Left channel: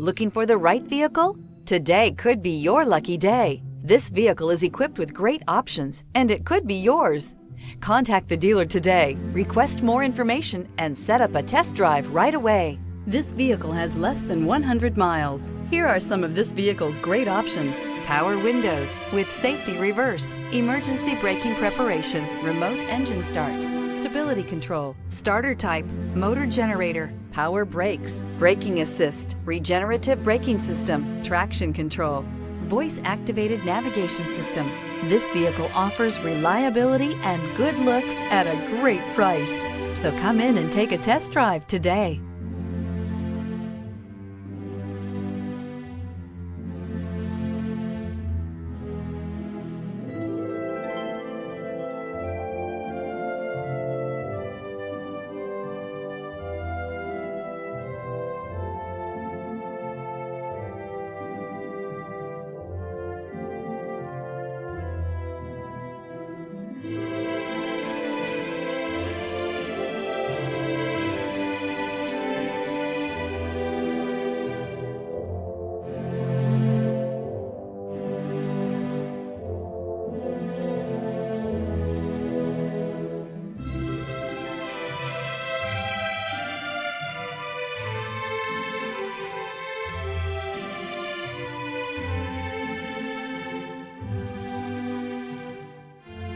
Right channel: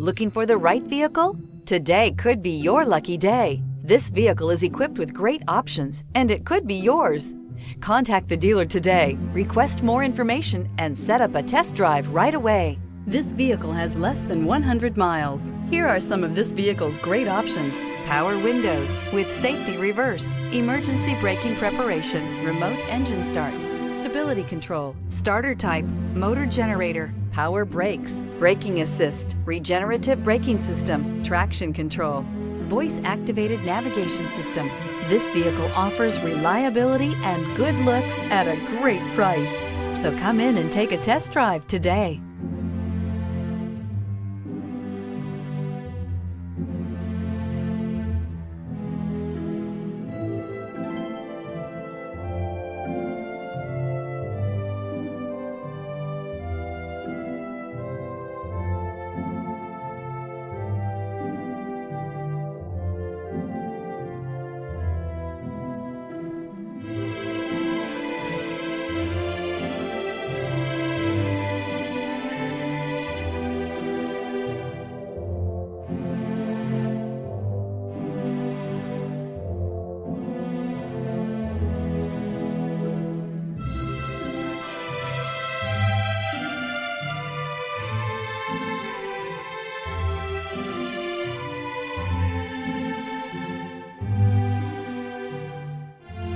Looking for the right vehicle? Today could be your lucky day. This vehicle is equipped with great options, and it could be yours. Contact the dealer today, request more information, and set up a test drive right away. This vehicle has less than 100 miles. Here are some of this vehicle's great options: power windows with safety reverse, emergency braking preparation, remote engine start, stability control, starter type, motor generator, power brakes, braking assist, regenerative braking system, traction control, voice-activated navigation system. This vehicle offers reliability and good looks at a great price. So come in and take a test drive today.